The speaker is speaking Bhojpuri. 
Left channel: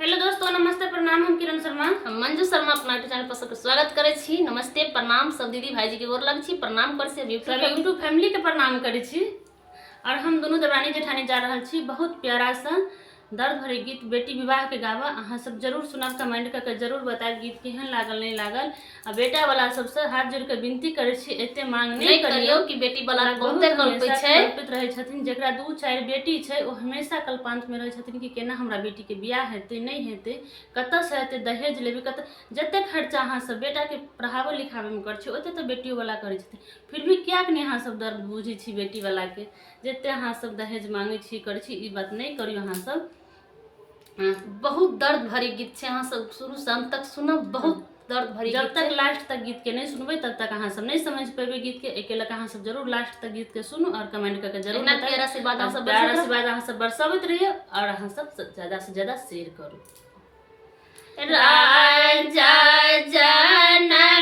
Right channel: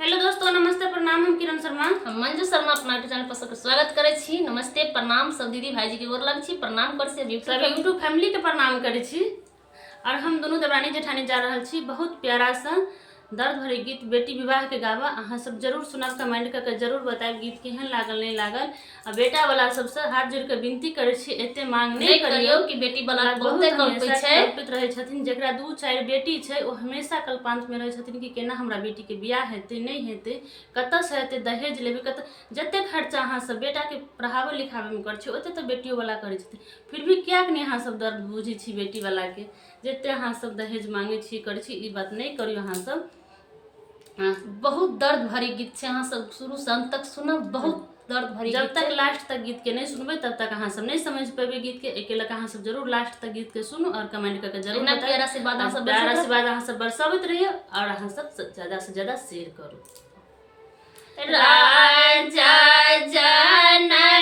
हेलो दोस्तों, नमस्ते, प्रणाम। हम किरण शर्मा, हम मंजू शर्मा अपना चैनल पर सबके स्वागत करे छी। नमस्ते, प्रणाम सब दीदी भाईजी के गोर लग छी। प्रणाम कर से सब यूट्यूब फैमिली के प्रणाम करे छी। और हम दोनों देवरानी जेठानी जा रहल छी बहुत प्यारा सा दर्द भरे गीत बेटी विवाह के गावा। अहाँ सब जरूर सुनब, कमेंट करके जरूर बताएब गीत केहन लागल नहीं लागल। आ बेटा वाला सबसे हाथ जोड़ के विनती करे छी, एते मांग नहीं करियो कि बेटी वाला बहुते कल्पित छै। कल्पित रहे छथिन। जेकरा 2-4 बेटी छै ओ हमेशा कल्पांत में रहे छथिन कि केना हमरा बेटी के बियाह हेतै नहीं हेतै, कतऽ से हेतै, दहेज लेबै, कतऽ जते खर्चा अहाँ सब बेटा के पढ़ावे लिखावे में कर छी ओते तो बेटियों वाला करे छथिन। फिर भी कियाक नहीं अहाँ सब दर्द बुझे छी बेटी वाला के, जते अहाँ सब दहेज मांगे छी करे छी, ई बात नहीं करियो अहाँ सब। बहुत दर्द भरी गीत छै, अहाँ सब शुरू से अंत तक सुनब। बहुत दर्द भरी जब गीत तक लास्ट तक गीत के नहीं सुनबे तब तक अहाँ सब नहीं समझ पेबे गीत के। एके लक अहाँ सब जरूर लास्ट तक गीत के सुनू और कमेंट करके जरूर बताइए। प्यार आशीर्वाद अहाँ सब बरसावत रहिए और अहाँ सब ज्यादा से ज्यादा शेयर करो। राजा जनक